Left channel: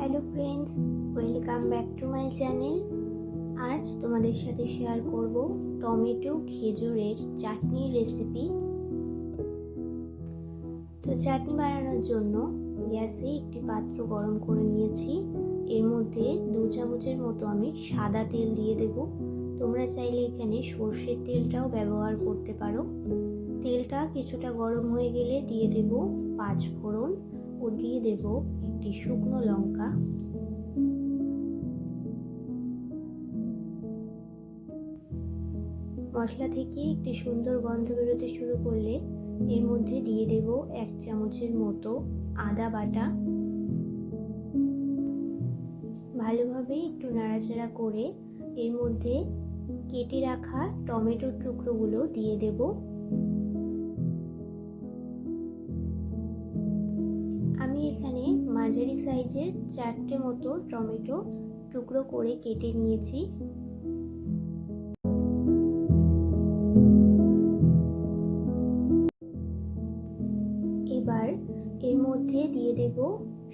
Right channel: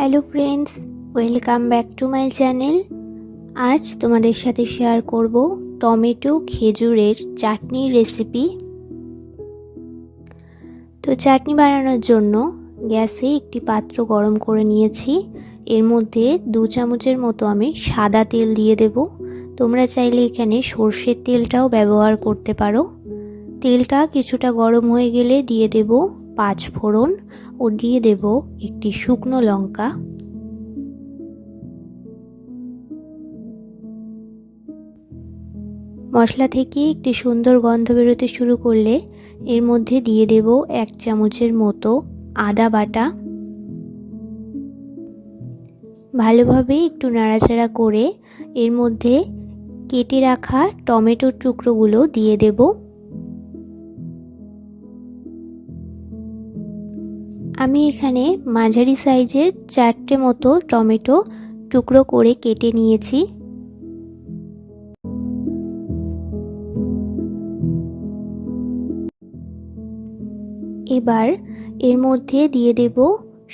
Hello friends, welcome back to my channel. আজ তোমাদের সাথে শেয়ার করব টমেটো খেজুরের চাটনির রেসিপি। তো চাটনি বানানোর জন্য গ্যাসে একটি পাত্র গরম করে নিয়েছি। এর মধ্যে 2 চামচের মতো আমি সাদা তেল দিয়ে দেব। তোমরা চাইলে এখানে সর্ষের তেলটাও ব্যবহার করতে পারো। তেলটা কিছুটা গরম হয়ে গেলে দিয়ে দেব 5 ফোড়ন ও দিয়ে দেব একটি শুকনো লঙ্কা। মশলা থেকে একটি সুন্দর গন্ধ বেরোতে শুরু করলে এর মধ্যে দিয়ে দেব 1 চামচের মতো আদা বাটা। ভালোভাবে একটু নাড়াচাড়া করে এর মধ্যে কেটে রাখা টমেটোর টুকরোগুলো দিয়ে দেব। আমি এখানে মাঝারি সাইজের 4টে মতো টমেটো টুকরো করে কেটে নিয়েছি। এবার এর মধ্যে দিয়ে দেব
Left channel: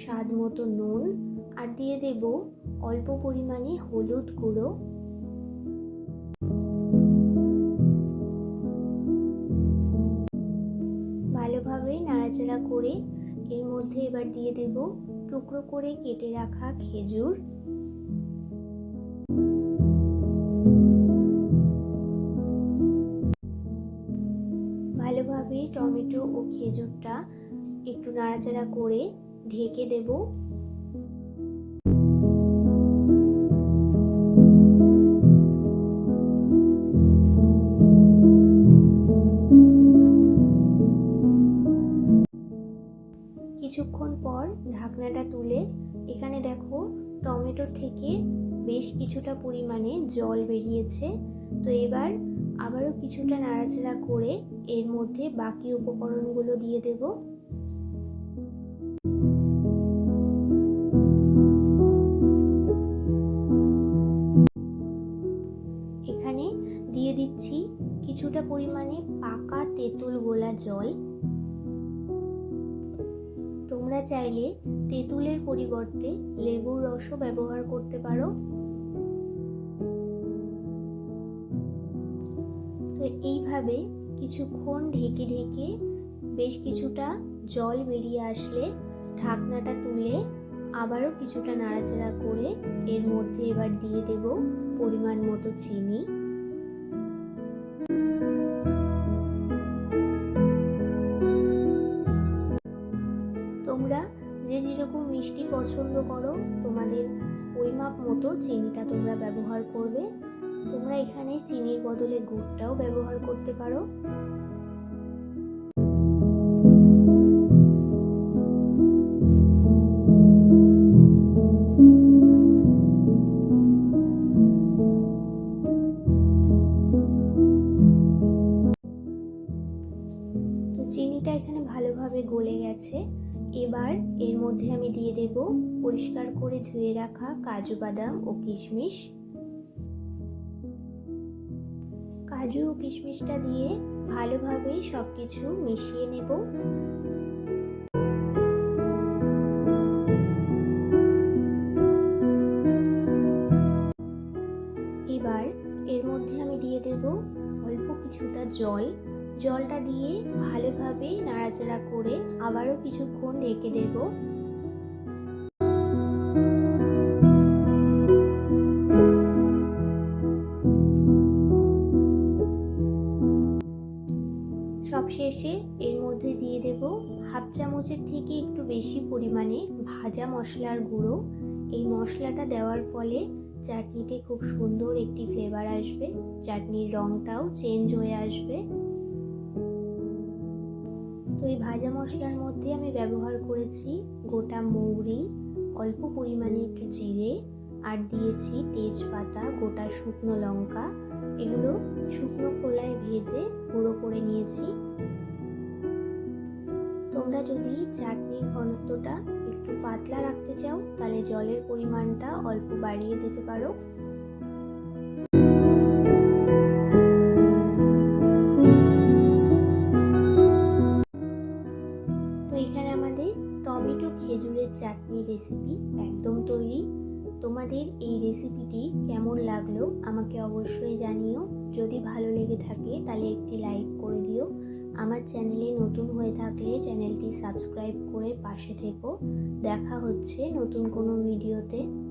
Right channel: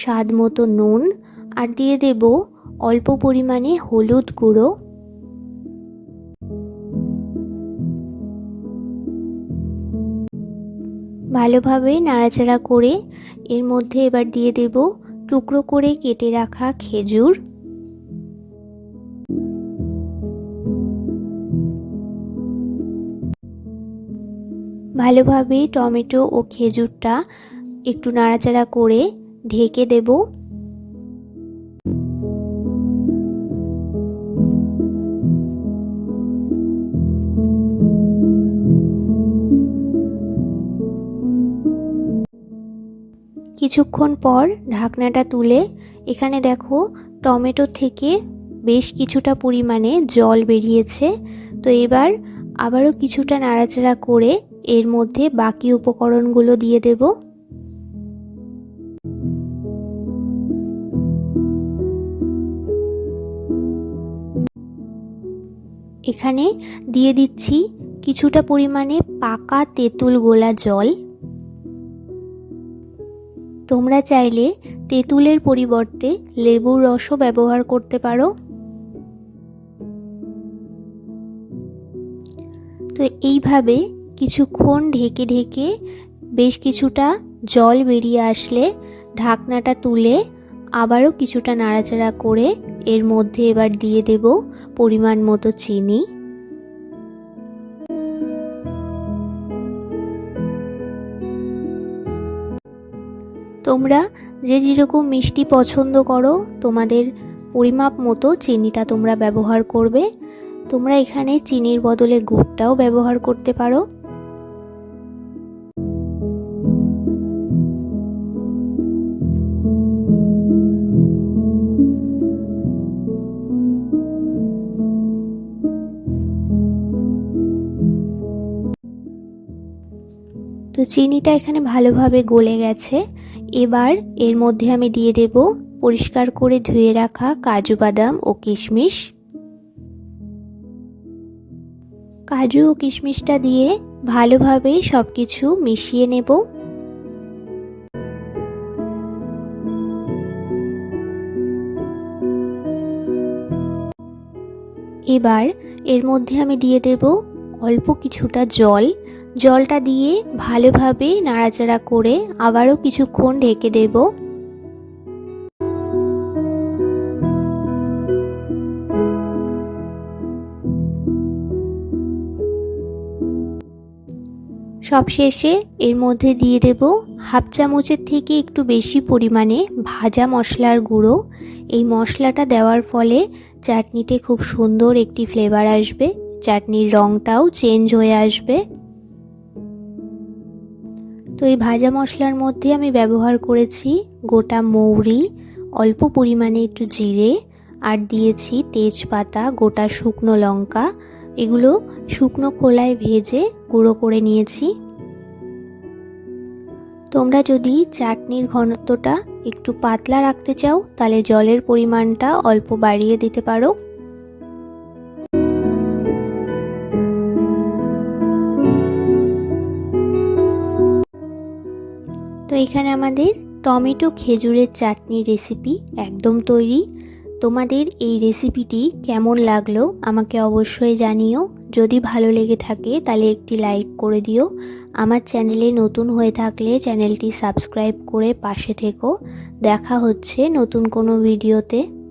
স্বাদ মতো নুন আর দিয়ে দেব অল্প পরিমাণে হলুদ গুঁড়ো। ভালোভাবে নাড়াচাড়া করে এর মধ্যে এবার দিয়ে দেব টুকরো করে কেটে রাখা খেজুর। ভালোভাবে টমেটো ও খেজুরটা একটু নাড়াচাড়া করে ঢেকে দেব। কিছুক্ষণ পর ঢাকনাটা তুলে এখানে দেখো টমেটো থেকে বেশ কিছুটা পরিমাণে জল বেরিয়েছে। তো এবার আবারও কিছুটা নাড়াচাড়া করে এর মধ্যে বাকি উপকরণগুলো দিয়ে দেব। এখানে দিয়ে দিচ্ছি কিছুটা পরিমাণে পাকা তেঁতুল গোলা জল। তোমরা চাইলে তেঁতুলের পরিবর্তে লেবুর রসও ব্যবহার করতে পারো। তো এইভাবে কিছুক্ষণ ঢেকে ঢেকে বেশ কিছুটা জল বেরিয়ে আসলে ঢাকনাটা তুলে আবারও কিছুটা নাড়াচাড়া করে এর মধ্যে এবার দিয়ে দেব পরিমাণ মতো চিনি। তোমরা যে যেরকম মিষ্টি পছন্দ করো তোমাদের পরিমাপ মতো চিনিটা তোমরা ব্যবহার করবে। তোমরা এখানে চিনির বদলে গুড়টাও ব্যবহার করতে পারো। তো চিনিটা এখানে ভালোভাবে গলে গেছে। এবার এর মধ্যে আমি দিয়ে দেব পরিষ্কার করে ধুয়ে রাখা কাজু বাদাম ও কিশমিশ। কাজু ও কিশমিশটা দিয়ে ভালোভাবে সবকিছু মিশিয়ে নেব। এবার এর মধ্যে আমি দিয়ে দেব অল্প কিছুটা জল। জলটা দিয়ে ভালোভাবে নাড়াচাড়া করে আবারও কিছুক্ষণ ঢেকে দেব। সবশেষে এর মধ্যে দিয়ে দেব হাফ চামচের থেকে একটু বেশি পরিমাণে ভাজা মশলার গুঁড়ো। এই মশলাটা দেওয়ার ফলে চাটনিতে খুব সুন্দর একটি ফ্লেভার আসবে, চাটনির রঙটাও চেঞ্জ হয়ে আসবে। তো এই ভাজা মশলার মধ্যে আমি ব্যবহার করেছি গোটা মৌরি, অল্প পরিমাণে একটু জিরে আর দিয়েছি তেজপাতা, গোটা শুকনো লঙ্কা। এগুলো শুকনো খোলায় ভেজে গুঁড়ো করে নিয়েছি। তোমরা যদি চাটনির ঘনত্বটা একটু পাতলা রাখতে চাও তাহলে জলের পরিমাণটা অল্প বাড়িয়ে দিতে পারো। তো এখানে আমাদের টমেটো খেজুরের চাটনি রেসিপি একদম তৈরি। তোমাদের এই রেসিপিটি কেমন লাগলো আমাকে অবশ্যই জানিও। যদি ভালো লেগে থাকে তাহলে একটি লাইক করে দিও। আমার চ্যানেলে নতুন হয়ে থাকলে চ্যানেলটি সাবস্ক্রাইব করে পাশে থেকো। দেখা হচ্ছে নতুন কোনো ভিডিওতে।